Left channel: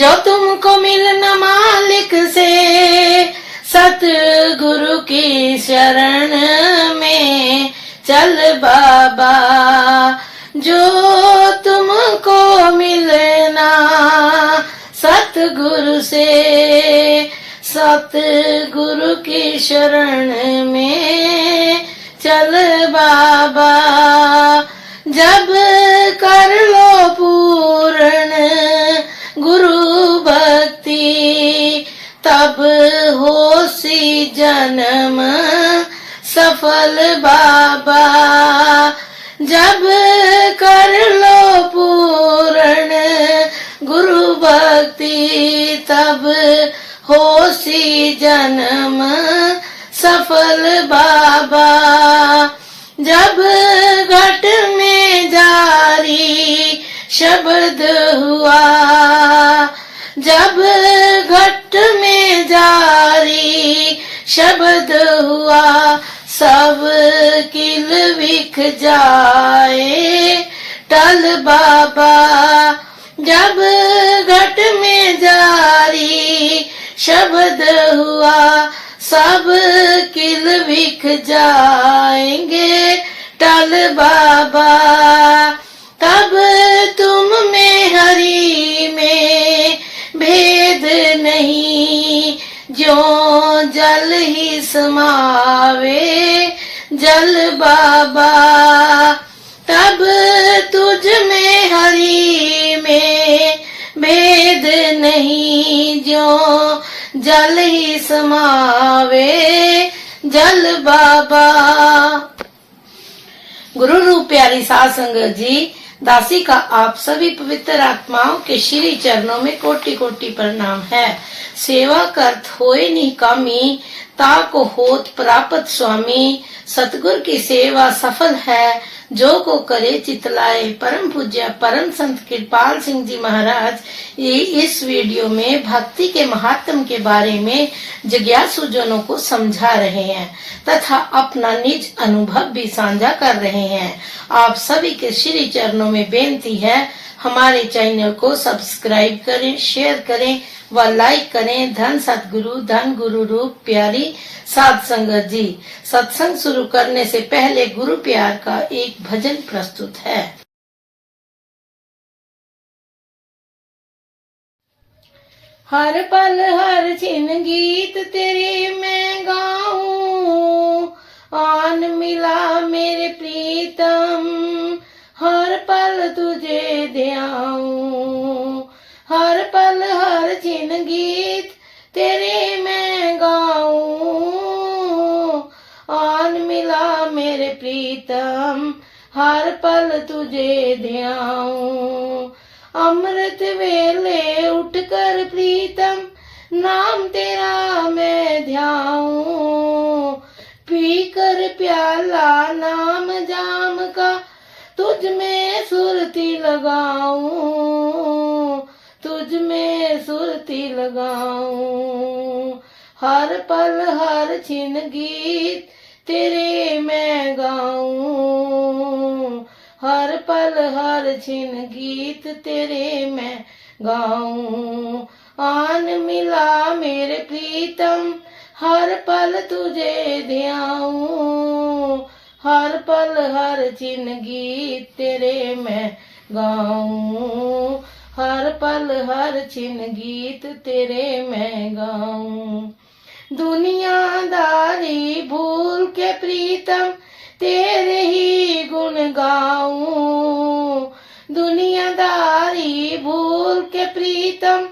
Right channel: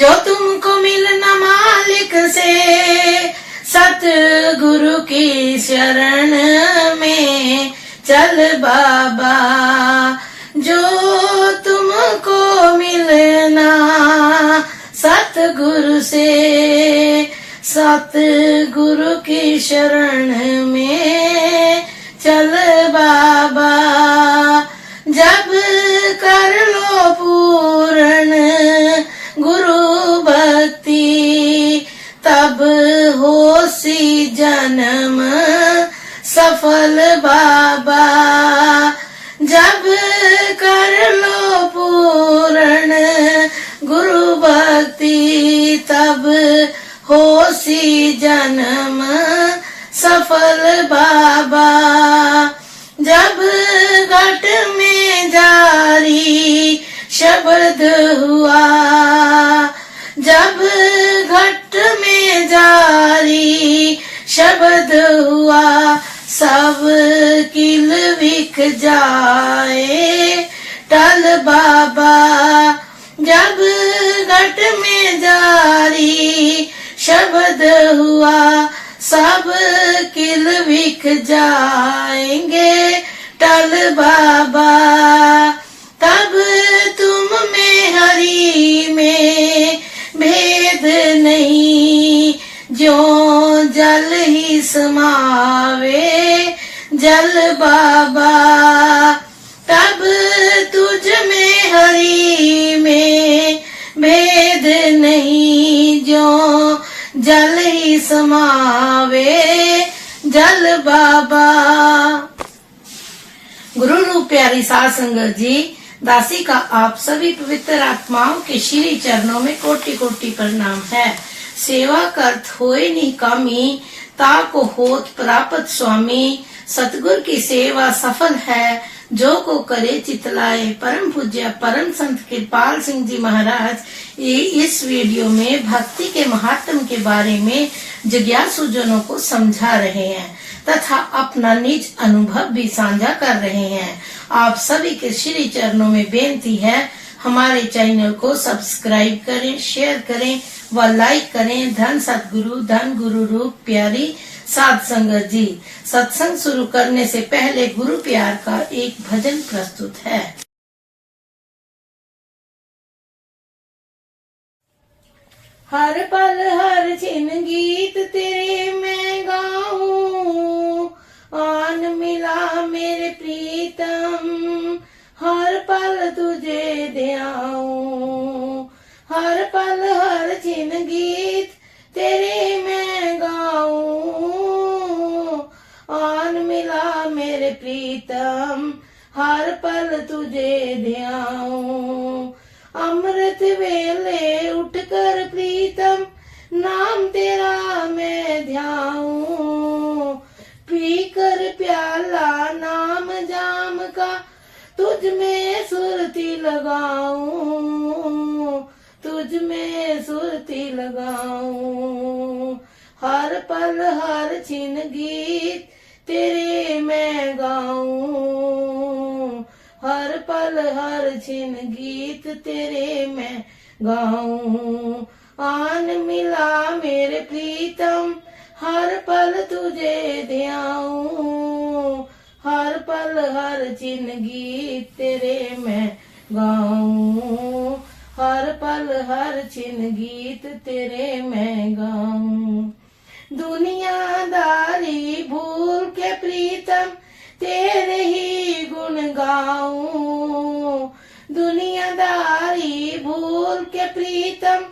जो तुमको मिलना मालिक से, सतगुरु की शरण में चल बाबा। जो तुमको मिलना सतगुरु से, सतगुरु की शरण में चल बाबा। जब कर लो पूर्ण गुरु भक्ति, तब हो सी जन्म सफल बाबा। जब कर लो पूर्ण गुरु भक्ति, तब हो सी जन्म सफल बाबा। जब घट में जारी शब्द हुआ, जब घट में जारी शब्द हुआ, सब किल विख जाए टल बाबा। जब घट में जारी शब्द हुआ, सब किल विख जाएंगे टल बाबा। तब तुम में हरि में भेद नहीं, जो जल ही समावे जल बाबा। तब तुझ में हरि में भेद नहीं, जो जल ही समावे जल बाबा। गुरु रूप प्यारी साध संगत जी, दासी का आप सभी पवित्र आत्माओं के श्री चरणों में कोटि कोटि प्रणाम है। सेवा करत होए नहीं कामी, ताको होत प्राप्त स्वामी। सतगुर की सेवा सफल है, जो को करे चितलाए। परम पूज्य परम संत कृपाल सिंह जी महाराज ये इस वीडियो में भक्ति के महात्म के बारे में जिज्ञासु जनों को समझा रहे हैं तथा अपना निज अनुभव भी साझा कर रहे हैं। आप सभी के श्री चरणों में बेनती है, हमारे चैनल को सब्सक्राइब करें, शेयर करें व लाइक करें। धन सतगुरु, धन गुरु रूप प्यारी साध संगत जी। सत्संग शुरू करने से पहले गुरु प्यार का एक भजन प्रस्तुत है। हर पल हर छिन गीत तेरे मैं गाऊं, आन मिला मेरे प्रीतम हर पल तुझे ध्याऊं। हर पल हर छिन गीत तेरे मैं गाऊं, आन मिला मेरे प्रीतम हर पल तुझे ध्याऊं। अमृत वेले उठकर प्रीतम नाम तेरा मैं ध्याऊं। पीकर प्याला नाम जाम का तुझ में सुरती लगाऊं, तुझ में सुरती लगाऊं। हर पल हर छिन गीत तेरे मैं गाऊं, हर पल हर छिन गीत तेरे मैं गाऊं। आन मिला मेरे प्रीतम हर पल तुझे ध्याऊं। हर पल हर छिन गीत तेरे मैं गाऊं। हर पल हर छिन गीत तेरे मैं गाऊं। दुनियादारी भूल के प्रीतम तेरे ही गुण गाऊं। दुनियादारी भूल के प्रीतम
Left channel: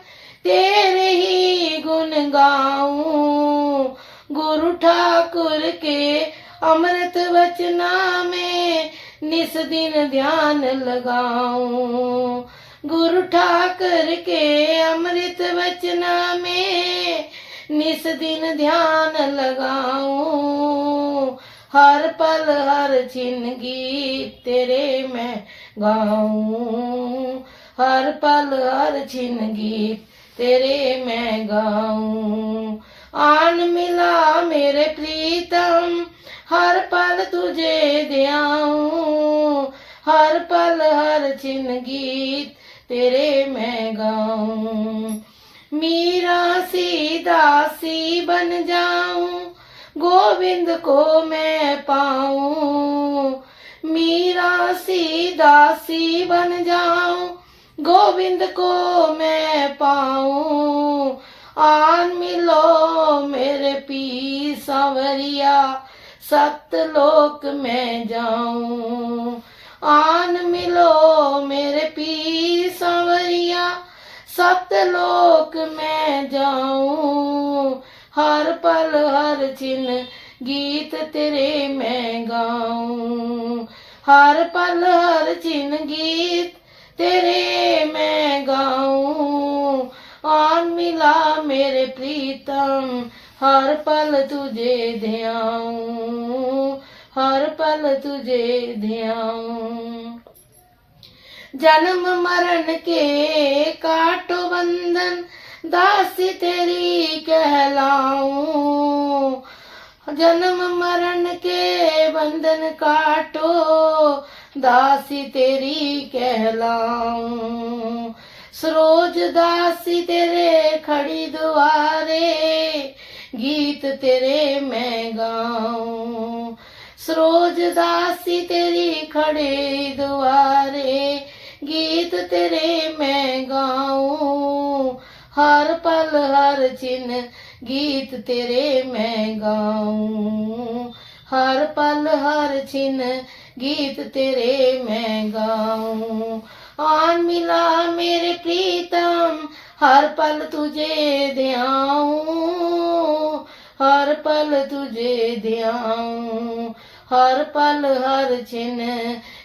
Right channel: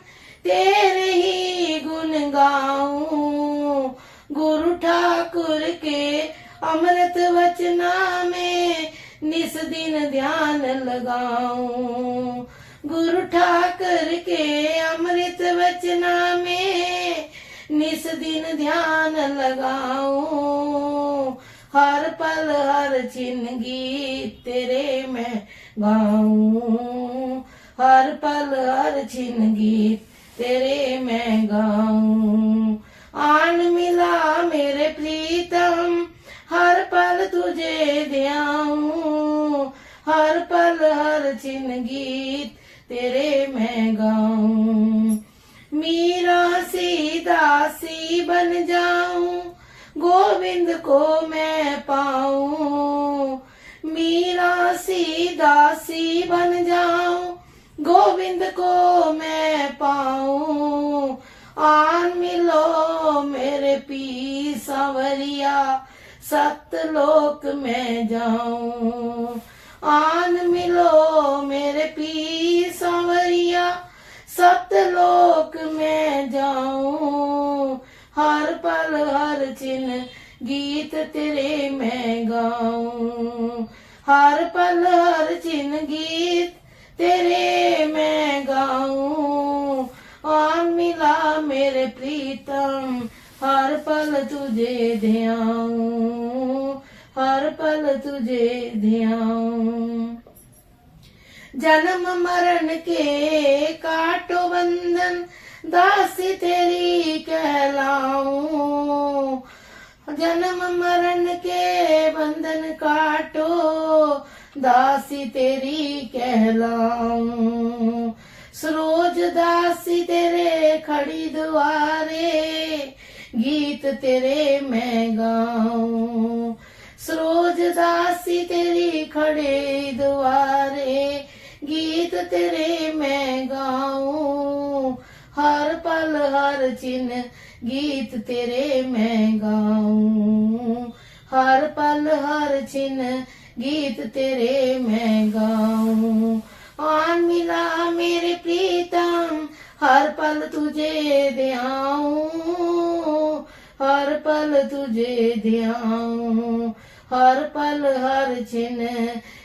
तेरे ही गुण गाऊं। गुरु ठाकुर के अमृत वचना में निस दिन ध्यान लगाऊं। गुरु ठाकुर के अमृत वचना में निस दिन ध्यान लगाऊं। हर पल हर छिन गीत तेरे मैं गाऊं। हर पल हर छिन गीत तेरे मैं गाऊं। आन मिला मेरे प्रीतम हर पल तुझे ध्याऊं। हर पल हर छिन गीत तेरे मैं गाऊं। बन जाऊं, गोविंद को मैं पाऊं। मीरा सी दासी बन जाऊं, गोविंद को मैं पाऊं। आन मिलो मेरे पी सांवरिया, सतलोक में जाऊं। आन मिलो मेरे पी सांवरिया, सतलोक में जाऊं। हर पल हर चिन्ह गीत तेरे मैं गाऊं। हर पल हर चिन्ह गीत तेरे मैं गाऊं। आन मिला मेरे प्रीतम, हर पल तुझे ध्याऊं। हर पल तुझे ध्याऊं। जन्म मरण के काटो बंधन, दासी तेरी कहलाऊं। जन्म मरण के बंधन काटो, दासी तेरी कहलाऊं। सरोज दासी तेरे खड़ी दुआरे, गीत तेरे मैं गाऊं। सरोज दासी तेरी खड़ी दुआरे, गीत तेरे मैं गाऊं। हर पल हर चिन्ह गीत तेरे मैं गाऊं। हर पल हर चिन्ह गीत तेरे मैं गाऊं। आन मिला मेरे प्रीतम, हर पल तुझे ध्याऊं। हर पल तुझे ध्याऊं। हर पल हर चिन्ह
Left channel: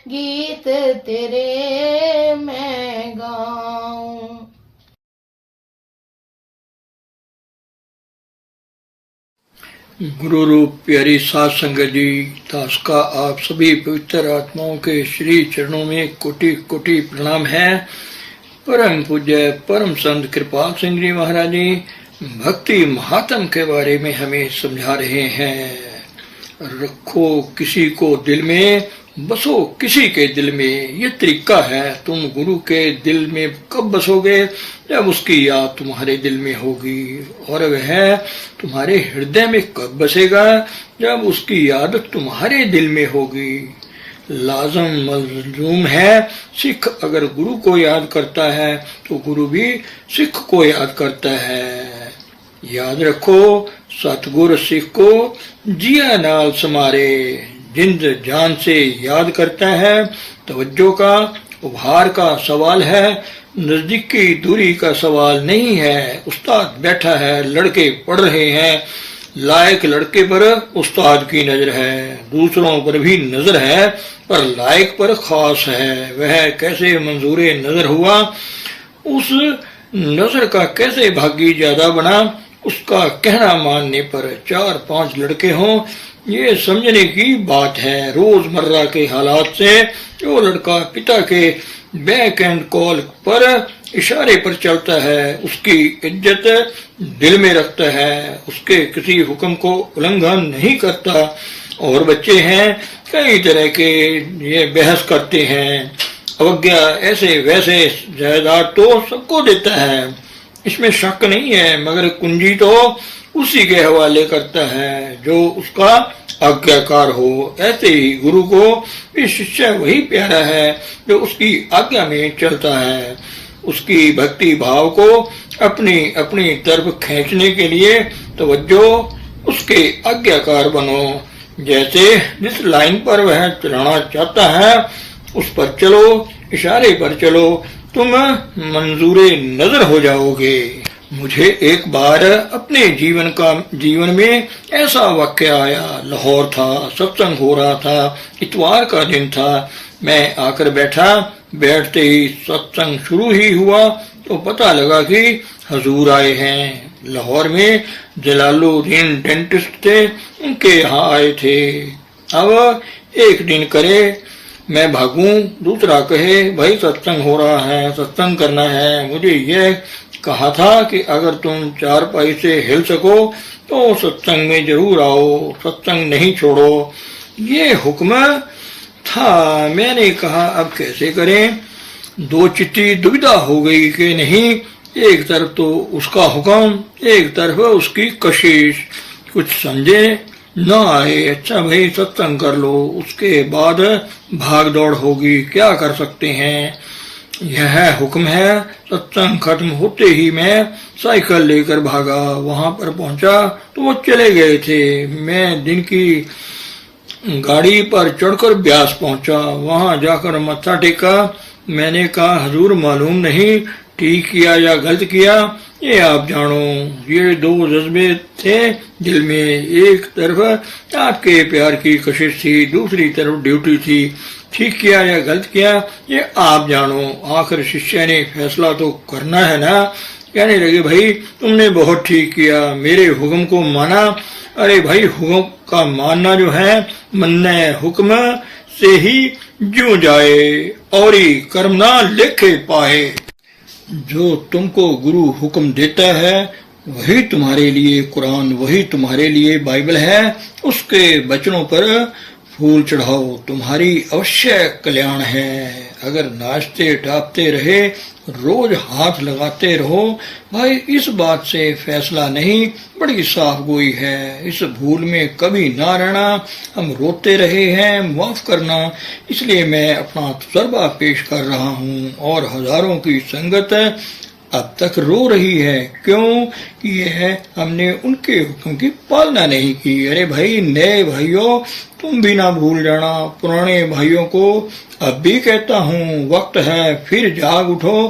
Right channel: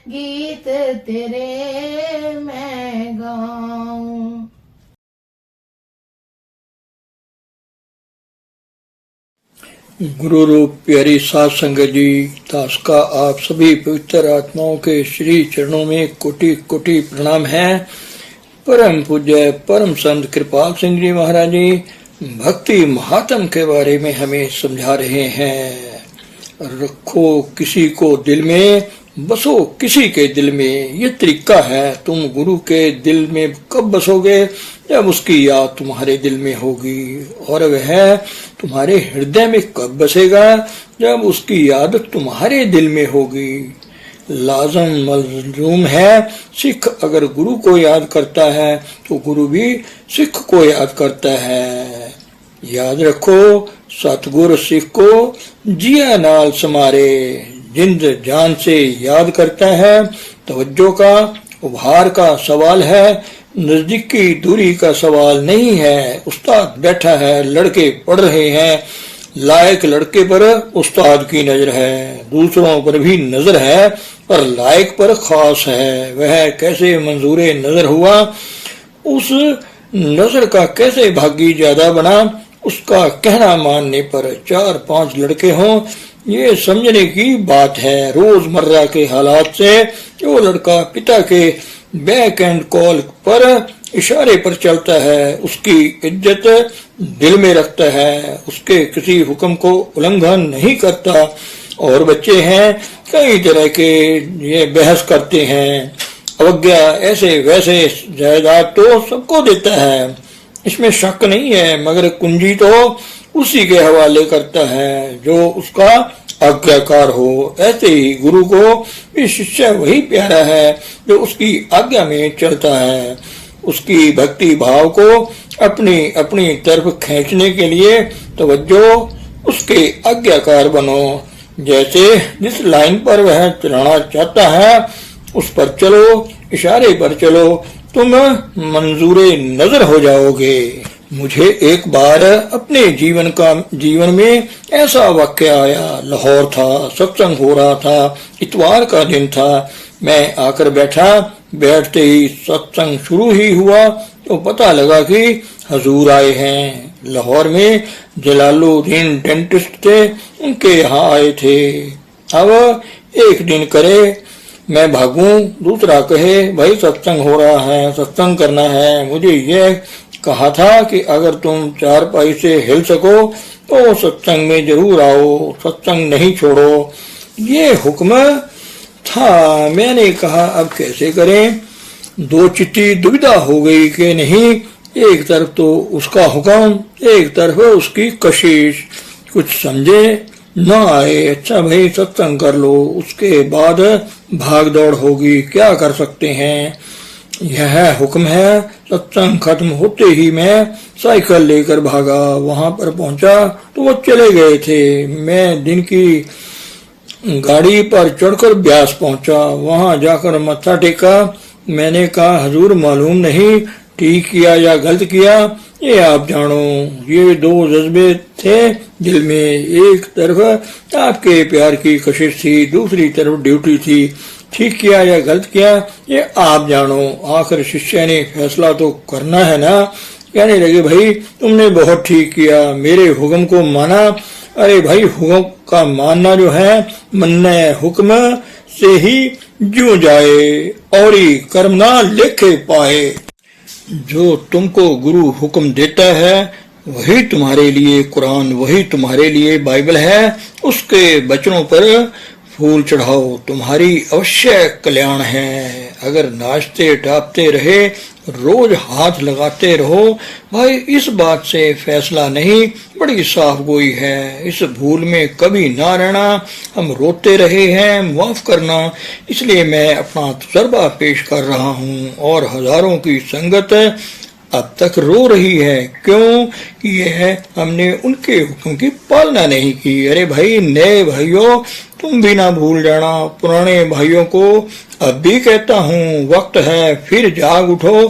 गीत तेरे मैं गाऊं। गुरु रूप प्यारी साध संगत जी, दास का आप सभी पवित्र आत्माओं के श्री चरणों में कोटि कोटि प्रणाम है। परम पूज्य परम संत कृपाल सिंह जी महाराज जी भक्ति महात्म के बारे में हमें समझा रहे हैं। रखो किसी को दिल में, बसो किसी के दिल में, ये तरीका है। तुम गुरु के दिल में कब बसोगे? जब उसकी याद तुम्हारे दिल में होगी। और वह तुम्हारे हृदय में कब बसेगा? जब उसकी याद तुम्हारे दिल में होगी। लाजम मलजूम है, सिख अगर गुरु को याद करता है तो गुरु भी सिख को याद करता है। याद रखो सतगुर सिख को जिया नाल समारे, जिंद जान से याद करता है। तवज्जो का उभार का सवाल है, नजदीकी दूरी का सवाल नहीं है। उस्ताद बैठा है, लड़के पढ़ रहे हैं, लायक लड़के पर उस्ताद की नजर है। दूसरों पर भी नजर है पर लायक पर खास है। वह कैसे मंजूरे नजर हुआ, उस नजर का कैसे भागी ज्यादा बना, उसका कहना मानने पर 4-5 लड़के हों, ये समझने की बात है। रोजमर्रा के हालात से जो लड़का पिता के बैक एंड कॉल पर इशारे पर चलता है, उसकी इज्जत दिल में रखता है, उसके किसी हुक्म को उल्लंघन नहीं करता। और बच्चे हैं कई तरह के, ये बहस करते हैं, अवज्ञा ऐसे वैसे जायदाद तो सबको देता है, इसमें शक नहीं है, मगर कुंजी तो उसी के हवाले करता है जो उसका आज्ञाकार हो। ऐसे ही गुरु को भी शिष्य वही प्यारा है जो उसकी आज्ञा में चलता है। उसकी भक्ति भाव को अपनी अपनी तरफ खींचने के लिए तवज्जो उसके आज्ञाकार बनो। जैसे जिस लाइन पर वह चलाना चाहता है उस पर चलो, इशारे पर चलो, तुम मंजूरे नजर हो जाओगे। मुझे एक बार अपने जीवन में ऐसा वाक्य आया। लाहौर था, सत्संग हो रहा था, इतवार का दिन था। मैं आकर बैठा, बैठते ही सत्संग शुरू ही हुआ तो पता लगा कि हजूर आए हैं। लाहौर में जलालुद्दीन डेंटिस्ट थे, उनके यहाँ आए थे। अब एक दिन करे मैं भागूं, दूसरा कहे भाई सत्संग हो रहा है, सत्संग करना है। मुझे यह कहा था कि अगर तुम चारपाई से हिल सको तो सत्संग में जरूर आओ, सत्संग नहीं छोड़ो। ये हुक्म था। मैंने कहा अब कैसे करें? दो चिट्ठी दुविधा हो गई कि नहीं एक तरफ तो उसका हुक्म, एक तरफ उसकी कशिश। कुछ समझे न आए, अच्छा भाई सत्संग कर लो, उसके बाद भाग दौड़ होगी, क्या कर सकते हैं। यह हुक्म है। सत्संग खत्म होते ही मैं साइकिल लेकर भागा, वहां पर पहुंचा तो वो चले गए थे। मैं दिन की गाड़ी पर चढ़कर ब्यास पहुंचा, वहां जाकर मत्था टेका। मैंने कहा हजूर मालूम नहीं ठीक किया या गलत किया, ये आप जानो। ये दो जज्बे थे दिल में, एक तरफ आपके प्यार की कशिश थी, दूसरी तरफ ड्यूटी थी। ठीक किया या गलत किया ये आप जानो, आखिर शिष्य ने फैसला तो करना है ना। कहने लगे भाई तुमने बहुत ठीक किया, मेरे हुक्म को माना। अरे भाई हुक्म का मानना जो है, मन्ने हुक्म से ही जो जाए, और ही कर्म ना लेखे पाए। जो तुमको गुरु हुक्म देता है वही तुम्हारे लिए कुरान, वही तुम्हारे लिए बाइबल है। उसके वचनों पर फूल चढ़ाओ, तुम्हारी अवश्य कल्याण है। अगर नाचते टापते रहे, रोज हाथ लगाते रहो, भाई इस बात से फैसला नहीं, बड़ी साफ गोई है। इस भूल में कभी ना रहना। हम रोते रहे हैं, माफ करना। इसलिए मैं अपना तजर्बा पेश कर रहा हूँ, और हजारों की संगत अब तक रो रही है। क्यों कि यह हमने उनके हुक्म की पालना नहीं की। अरे भाई नए भाइयों, तुम भी ना भूल जाना। पुराने भाइयों को अब भी कहता हूँ, वक्त है फिर जाग उठो।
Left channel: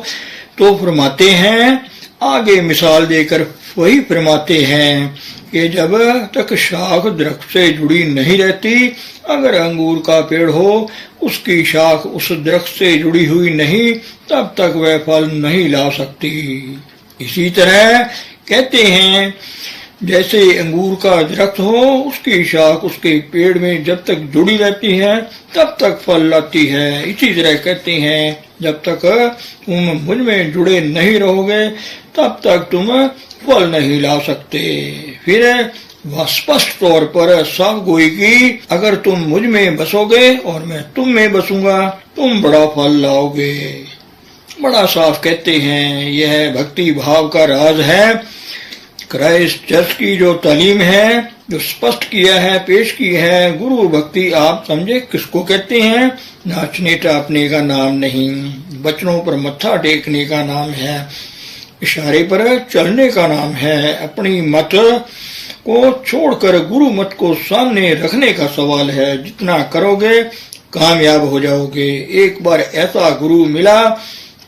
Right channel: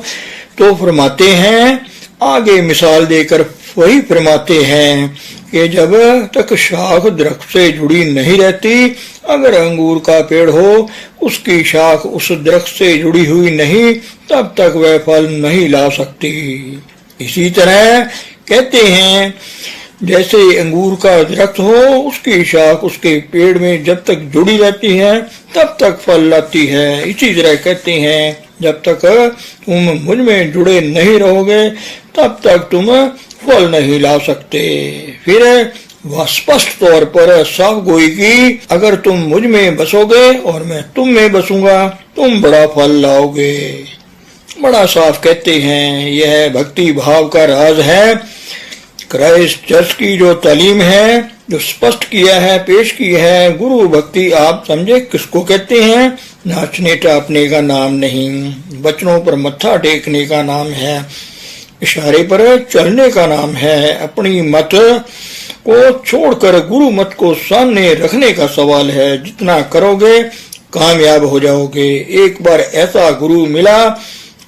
तो फरमाते हैं, आगे मिसाल देकर वही फरमाते हैं कि जब तक शाख दरख्त से जुड़ी नहीं रहती, अगर अंगूर का पेड़ हो, उसकी शाख उस दरख्त से जुड़ी हुई नहीं, तब तक वह फल नहीं ला सकती। इसी तरह कहते हैं, जैसे अंगूर का दरख्त हो, उसकी शाख उसके पेड़ में जब तक जुड़ी रहती है तब तक फल लाती है। इसी तरह कहते हैं, जब तक तुम मुझ में जुड़े नहीं रहोगे तब तक तुम फल नहीं ला सकते। फिर वह स्पष्ट तौर पर साफ गोई की, अगर तुम मुझ में बसोगे और मैं तुम में बसूंगा, तुम बड़ा फल लाओगे। बड़ा साफ कहते हैं, यह भक्ति भाव का राज है। क्राइस्ट चर्च की जो तालीम है, जो स्पष्ट किया है, पेश की है, गुरु भक्ति आप समझे किसको कहते हैं। नाचने टापने का नाम नहीं, बचनों पर मत्था टेकने का नाम है, इशारे पर चलने का नाम है। अपनी मत को छोड़कर गुरु मत को सामने रखने का सवाल है। जितना करोगे कामयाब हो जाओगे। एक बार ऐसा गुरु मिला,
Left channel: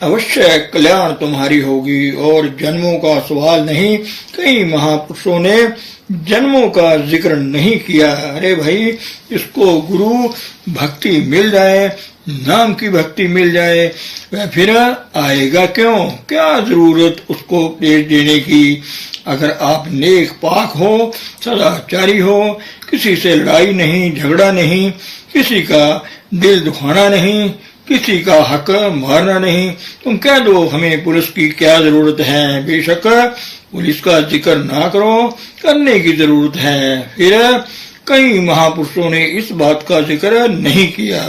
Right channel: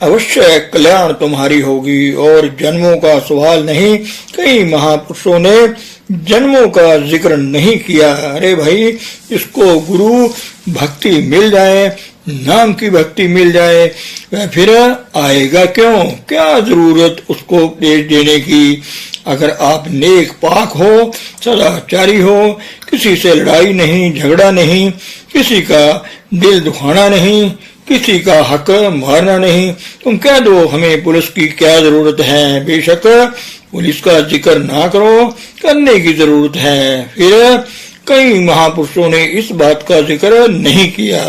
अवश्य कल्याण तुम्हारी होगी। और जन्मों का सवाल नहीं, कई महापुरुषों ने जन्मों का जिक्र नहीं किया। अरे भाई, इसको गुरु भक्ति मिल जाए, नाम की भक्ति मिल जाए, वह फिर आएगा क्यों? क्या जरूरत उसको पेश देने की। अगर आप नेक पाक हो, सदाचारी हो, किसी से लड़ाई नहीं, झगड़ा नहीं, किसी का दिल दुखाना नहीं, किसी का हक मारना नहीं, तुम कह दो हमें पुलिस की क्या जरूरत है। बेशक पुलिस का जिक्र ना करो, करने की जरूरत है। फिर कई महापुरुषों ने इस बात का जिक्र नहीं किया।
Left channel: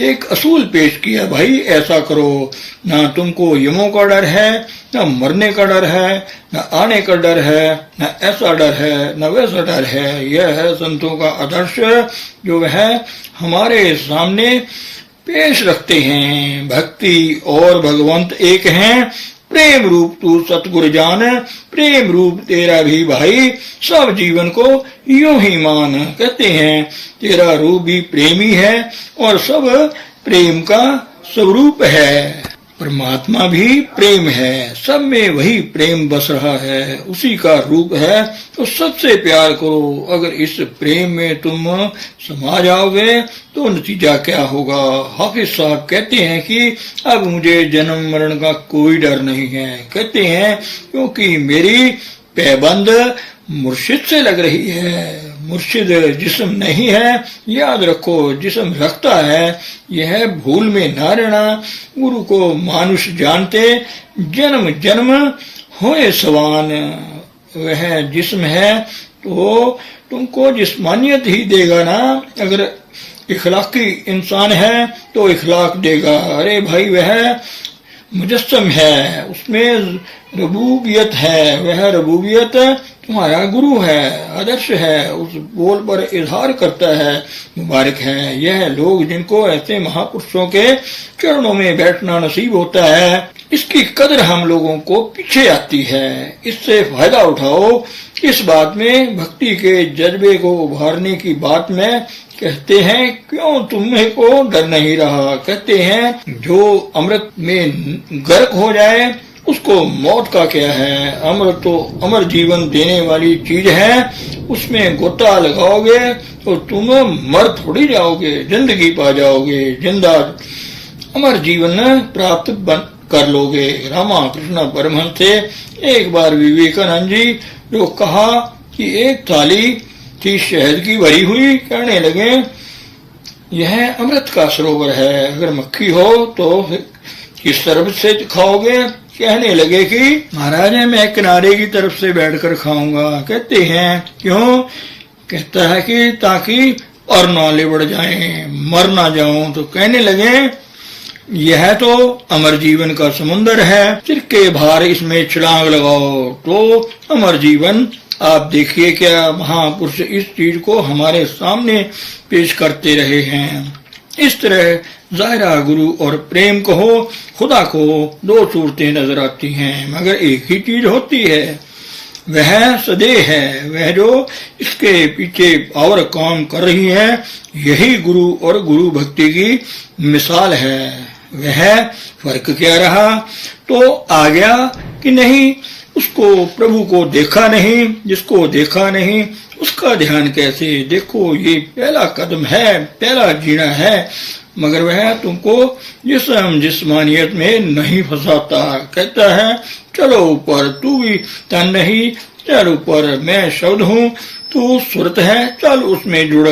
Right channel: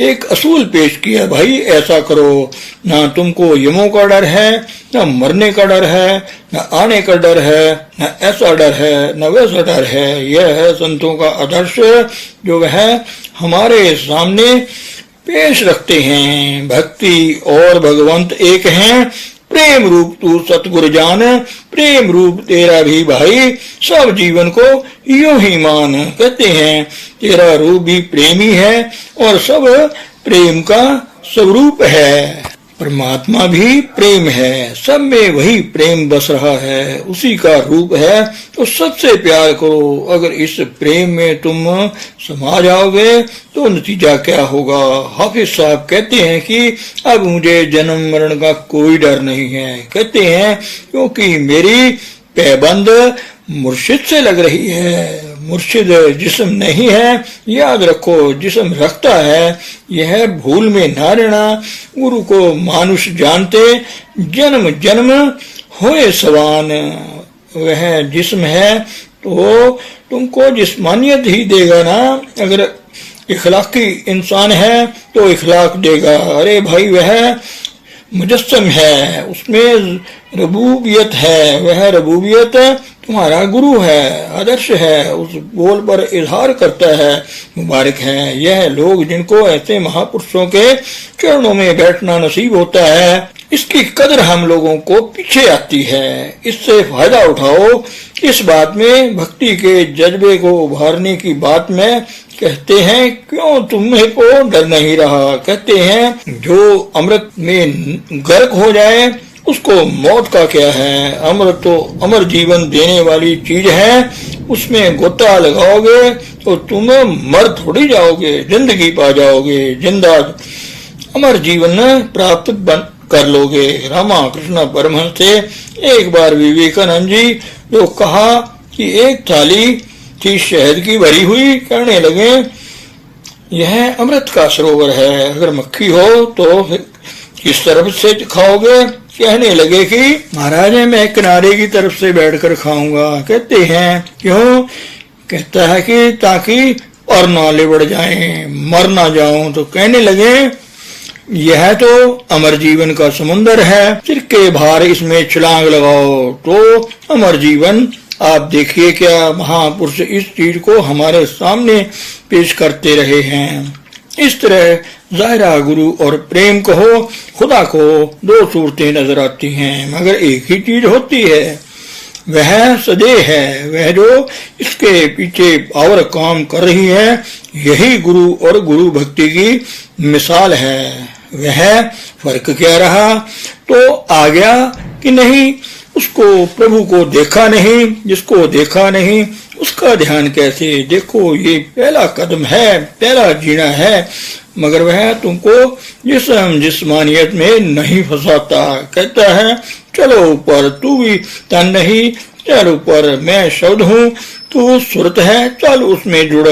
एक असूल पेश किया, भाई ऐसा करो। ना तुमको यमों का डर है, ना मरने का डर है, ना आने का डर है, ना ऐसा डर है, ना वैसा डर है। यह है संतों का आदर्श, जो वह हमारे सामने पेश रखते हैं। भक्ति और भगवंत एक हैं, प्रेम रूप तू सतगुरु जान, प्रेम रूप तेरा भी भाई, सब जीवन को यूं ही मान। कहते हैं तेरा रूप भी प्रेमी है और सब प्रेम का स्वरूप है। परमात्मा भी प्रेम है, सब में वही प्रेम बस रहा है, उसी का रूप है। तो सबसे प्यार करो। अगर इस प्रेम में तुम समा जाओगे तो नतीजा क्या होगा। हाफिज साहब कहते हैं कि अब मुझे जन्म मरण का कोई डर नहीं है। कहते हैं क्योंकि मेरी पैबंद मुर्शिद से लग रही है। मुर्शिद जिस्म नहीं है, याद रखो, जिस्म रखता है। यह भूल में न रहना। गुरु को मानुष जानते, जन्म जन्म होए सवान। वह जिस्म है तो तुमको जिस्मानियत ही देगा ना। अगर इखलाकी इंसान है तो इखलाक देगा। अरे भाई, वह मुजस्सम है, उसमें रबूबियत है, वह रबूबियत तुम्हारा गुरु है, आदर्श है, उस बोल पर इजहार करता है। मुबारक है यह लोग जिनको ऐसे महापुरुषों के चरणों में बैठना नसीब होता है। इसकी कदर हम लोगों को पीछे आती है, इससे फायदा उठाओ। इस बात में भक्ति के जज्बे को उभारने की बात में कहते हैं, क्यों तुम्हें को डर नहीं रहा। कहते हैं जो अमृत में गर्क हो जाए उसको मौत का क्या है। अमृत तो अमर जीवन देने वाली चीज है, उसमें गोता लगाओगे तो तुम मर थोड़ी जाओगे, जिंदगी पा जाओगे, जिंदा अमर जीवन प्राप्त कर लोगे। रामा कृष्ण परमहंस से एक बार विवेकानंद जी जो कहा कि एक थाली थी शहद की भरी हुई, कहने लगे यह अमृत का सरोवर है, अगर मक्खी हो तो किस तरफ से खाओगे। कहने लगे कि महाराज मैं किनारे की तरफ से बैठकर खाऊंगा। कहते हैं क्यों। कहता है कि ताकि और नाले बढ़ जाएं, मर ना जाऊं। तो कहने लगे यह तो अमर जीवन का समुन्दर है, सिर के भार इसमें छलांग लगाओ तो अमर जीवन। आप देखिए क्या महापुरुष इस चीज को हमारे सामने पेश करते रहे हैं। इस तरह ज़ाहिरा गुरु और प्रेम कहो खुदा को दो सूरतें नजर आती हैं, मगर एक ही चीज होती है, वह सदैव है। वह जो इसके पीछे और काम कर रही है, यही गुरु और गुरु भक्ति की मिसाल है। वह फर्क क्या रहा तो आ गया कि नहीं, उसको प्रभु को देखा नहीं, जिसको देखा नहीं उसका ध्यान कैसे। देखो ये पहला कदम है, पहला जीना है, मगर वह तुमको जिस्मानियत में नहीं फंसाता। कहता है चलो ऊपर, तू भी तन नहीं, चल ऊपर, मैं शब्द हूँ तू सुरत है, चल उसमें जुड़।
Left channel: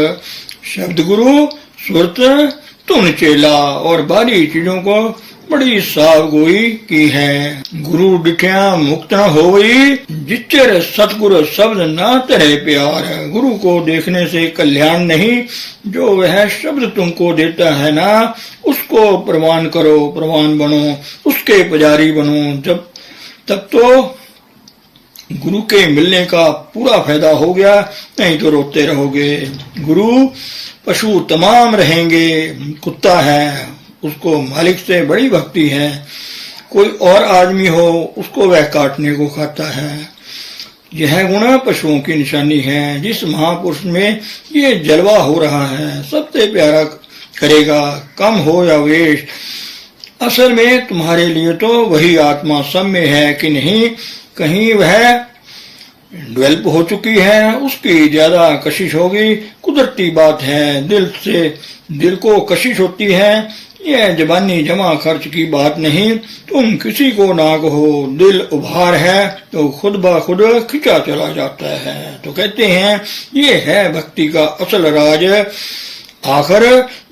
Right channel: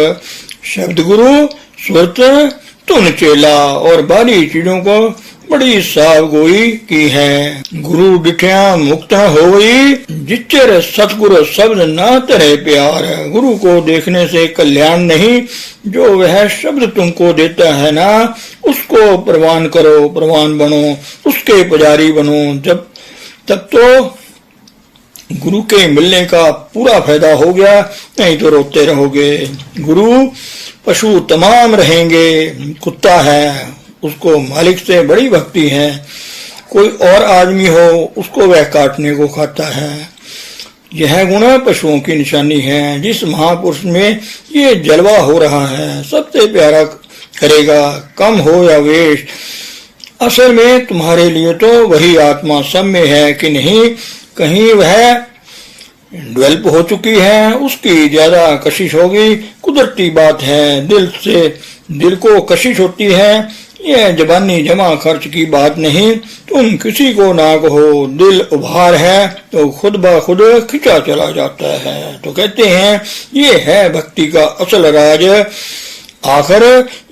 शब्द गुरु, सुरत तुम चेला, और बारी चीजों को बड़ी साव गोई की है। गुरु डिठिया मुक्त होई, जिच्चर सतगुरु शब्द ना तरह प्यार। गुरु को देखने से कल्याण नहीं, जो वह शब्द तुमको देता है ना उसको प्रवान करो, प्रवान बनो, उसके पुजारी बनो। तब तो गुरु के मिलने का पूरा फायदा हो गया, नहीं तो रोते रहोगे। गुरु पशु तमाम रहेंगे, कुत्ता है उसको मालिक से बड़ी भक्ति है, कोई और आदमी हो उसको वह काटने को खाता है। यह गुण पशुओं की निशानी है। जिस महापुरुष में ये जलवा हो रहा है सबसे प्यारा करेगा, कम हो या वेश। असल में तुम्हारे लिए तो वही आत्मा सब में है कि नहीं, कहीं वह डेवलप हो चुकी है, उसकी ज्यादा कशिश होगी। कुदरती बात है, दिल को कशिश होती है, यह जबानी जमा खर्च की बात नहीं। तुम किसी को ना कहो, दिल उभार है तो खुद ब खुद खिंचा चला जाता है। तो कहते हैं ये है भक्ति का असल राज। आखिर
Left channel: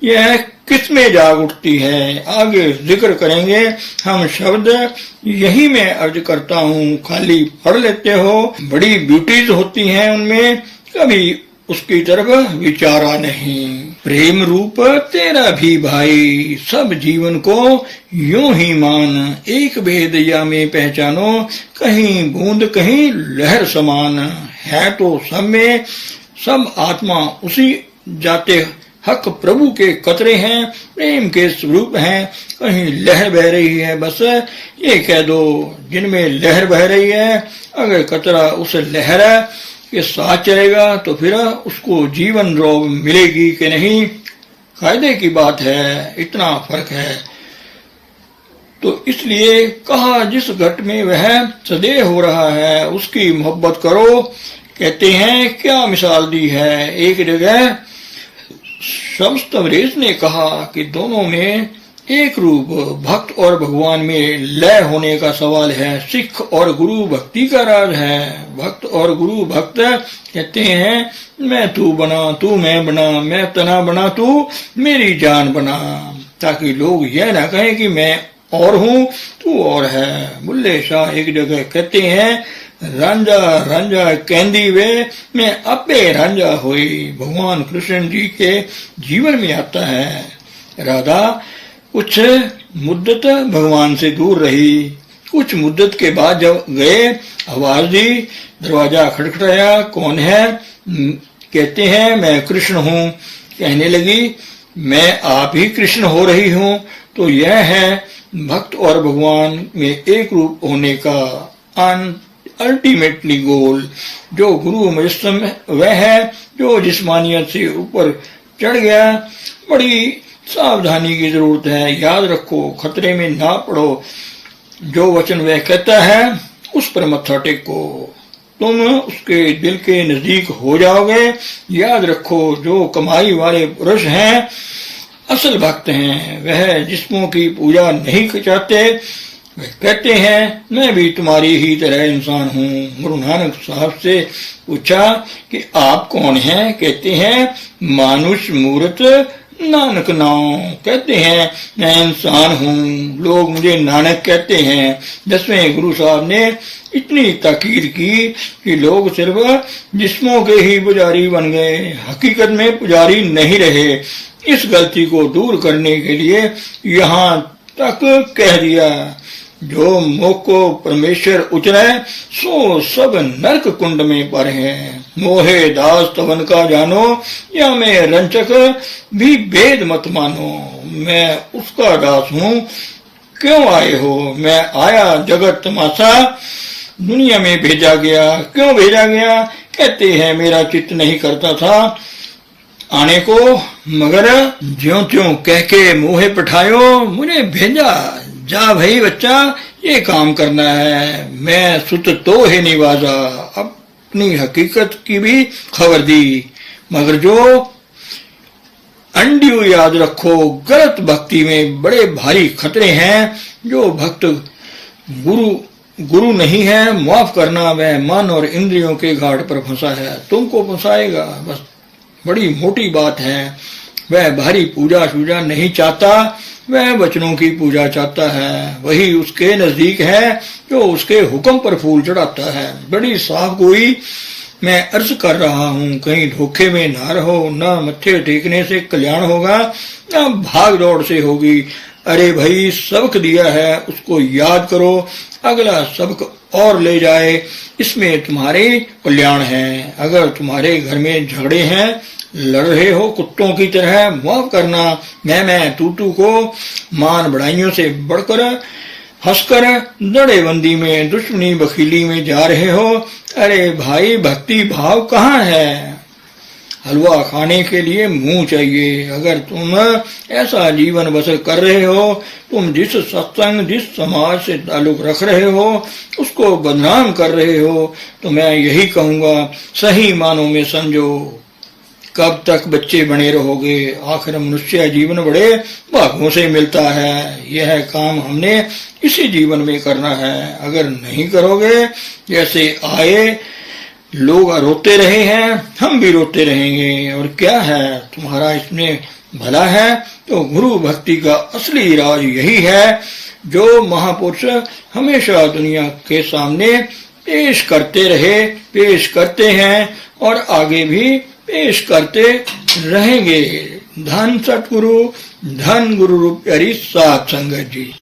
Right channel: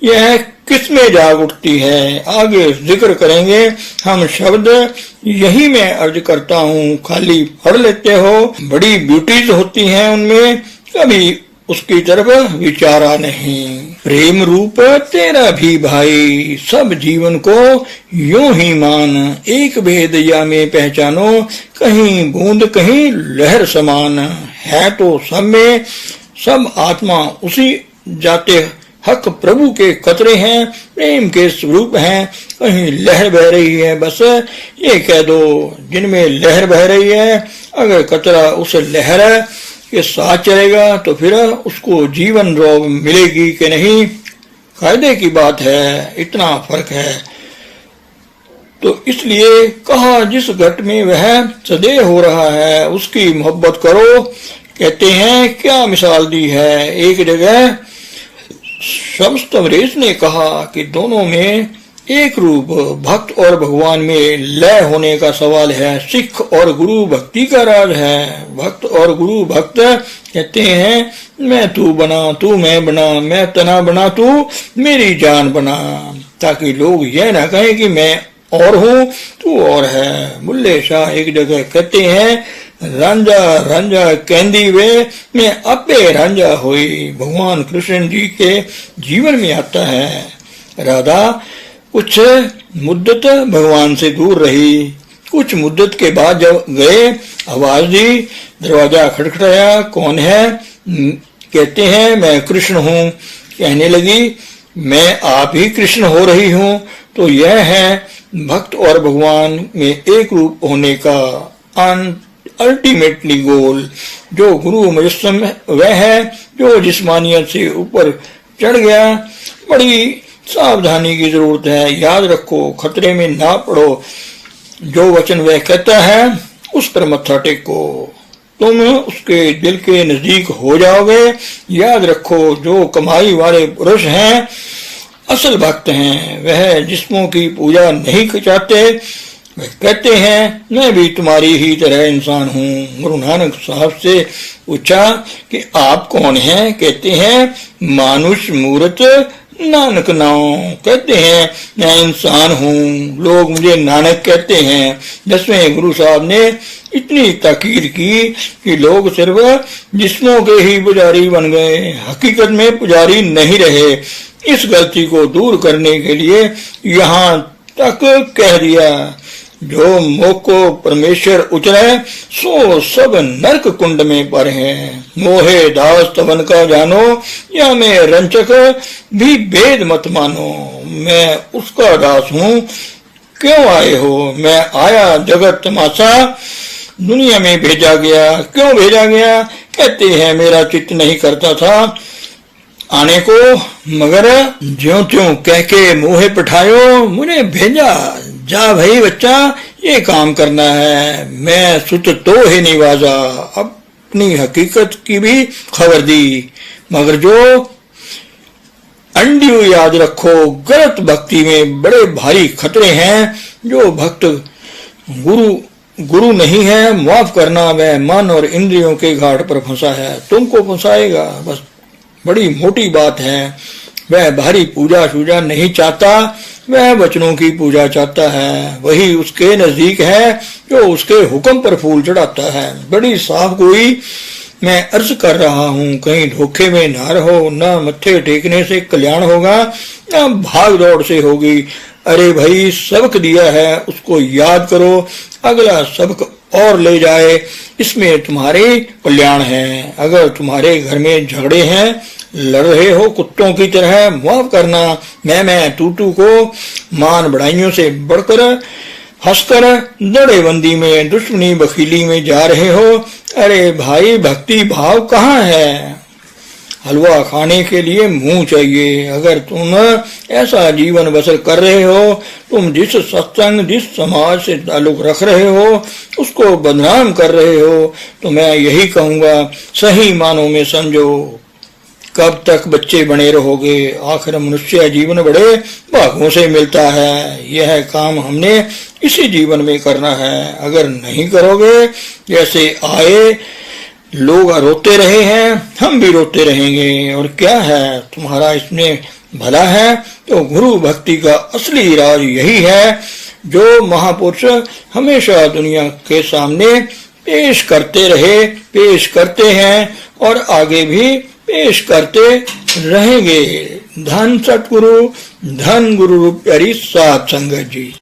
यह किसमें जाग उठती है, आगे जिक्र करेंगे हम। शब्द यही मैं अर्ज करता हूँ, खाली पढ़ लेते हो, बड़ी ब्यूटीज होती हैं उनमें, कभी उसकी तरफ विचारा नहीं। प्रेम रूप तेरा भी भाई, सब जीवन को यूं ही मान। एक भेद या में पहचानो, कहीं बूंद कहीं लहर समान। है तो सब में, सब आत्मा उसी जाते हक प्रभु के कतरे हैं, प्रेम के स्वरूप हैं। कहीं लहर बह रही है, बस ये कह दो जिनमें लहर बह रही है, अगर कतरा उस लहर के साथ चलेगा तो फिर उसको जीवन रोग मिलेगी कि नहीं, फायदे की बात है। इतना फर्क है। तो इसलिए कहा जिस घट में वह सदैव हो रहा है उसकी मोहब्बत करो। कहते हैं क्या मिसाल दी है। एक जगह शम्स तबरेज ने कहा कि दोनों में एक रूप भक्त और भगवान में लय होने का सवाल है। सिख और गुरु भक्ति का राज है। भक्त और गुरु भक्त कहते हैं मैं तू बना, तू मैं बना, मैं तना बना, तू मेरी जान बना, ताकि लोग यह ना कहें कि मैं और हूँ तू और है। बुल्ले शाह एक जगह कहते हैं रांझा रांझा कहंदी वे मैं आपे रांझा हुई। भगवान कृष्ण जी के जीवन में आता है राधा कुछ मुद्दत भगवान से दूर रही। कुछ मुद्दत के बाद जब गए, आवाज दी, दरवाजा खटखटाया, कौन है? कहते हैं मैं कृष्ण हूँ। कहने लगी मैं आप ही कृष्ण हो रही हूँ। तो यह है भक्त और भगवान में एक रूप होने का अल्टीमेटली गोल। जो गुरु मुजस्सम वह है जो जिस्मानियत से ऊपर चढ़ गया। बड़ी सावधानी की जरूरत है। याद रखो, खतरे में ना पड़ो। जो वचन वह कहता है उस पर मत्था टेको, तुम उसके दिल के नजदीक हो जाओगे। याद रखो, जो कमाई वाले पुरुष हैं असल भक्त हैं। वह जिस्मों की पूजा नहीं चाहते। वह कहते हैं मैं भी तुम्हारी ही तरह इंसान हूँ। गुरु नानक साहब से पूछा कि आप कौन हैं? कहते हैं मानुष मूर्त नानक नाम। कहते हैं मैं इंसान हूँ, लोग मुझे नानक कहते हैं। 10वें गुरु साहब ने इतनी ताकीद की कि लोग सिर्फ जिस्मों के ही पुजारी बन गए, हकीकत में पुजारी नहीं रहे। इस गलती को दूर करने के लिए यहाँ तक कह दिया, जो मोह को परमेश्वर उचरे सो सब नरक कुंड में पर हैं। मोहे दास तवन का जानो, या मैं रंचक भी भेद मत मानो। मैं उसका दास हूँ। क्यों आए हो? मैं आया जगत तमाशा दुनिया में भेजा गया। क्यों भेजा गया? कहते हैं मेरा चित्त नहीं करता था आने को, मगर ज्यों त्यों कह के मुँहे पठायो मुझे भेजा। जा भाई बच्चा, ये काम करना है। मैं सुत तो ही निवाजा, अपनी हकीकत की भी खबर दी। मगर जो अंडियो याद रखो, गलत भक्ति में बड़े भारी खतरे हैं। जो भक्त गुरु नहीं है, माफ करना, वह मन और इंद्रियों के घाट पर फंसा है, तुमको फंसाएगा। बस बड़ी मोटी बात है। वह भारी पूजा शूजा नहीं चाहता, वह वचनों की पूजा चाहता है। वही उसके नजदीक है जो उसके हुक्म पर फूल चढ़ाता है। बड़ी साफ गोई मैं अर्ज कर रहा हूँ, कहीं धोखे में ना रहो। न मत्थे टेकने से कल्याण होगा, न भाग दौड़ से होगी। अरे भाई, सबक दिया है उसको याद करो, अगला सबक और ले जाए, इसमें तुम्हारे कल्याण है। अगर तुम्हारे घर में झगड़े हैं, लड़ रहे हो कुत्तों की तरह, माफ करना। मैं तू को मान बढ़ाइयों से बढ़कर हंसकर दड़ेबंदी में, दुश्मनी बखीली में जा रहे हो। अरे भाई, भक्ति भाव कहाँ है? हलवा खाने के लिए मुंह चाहिए। अगर तुम ऐसा जीवन बसर कर रहे हो, तुम जिस सत्संग, जिस समाज से ताल्लुक रख रहे हो, उसको बदनाम कर रहे हो, तो मैं यही कहूँगा, सही मानों में समझो। कब तक बच्चे बने रहोगे? आखिर मनुष्य जीवन बड़े भागों से मिलता है। यह काम हमने इसी जीवन में करना है। अगर नहीं करोगे, जैसे आए लोग रोते रहे हैं, हम भी रोते रहेंगे। और क्या है तुम्हारा इसमें भला है? तो गुरु भक्ति का असली राज यही है, जो महापुरुष हमेशा दुनिया के सामने पेश करते रहे, पेश करते हैं और आगे भी पेश करते रहेंगे। धन सतगुरु, धन गुरु रूप प्यारी साध संगत जी।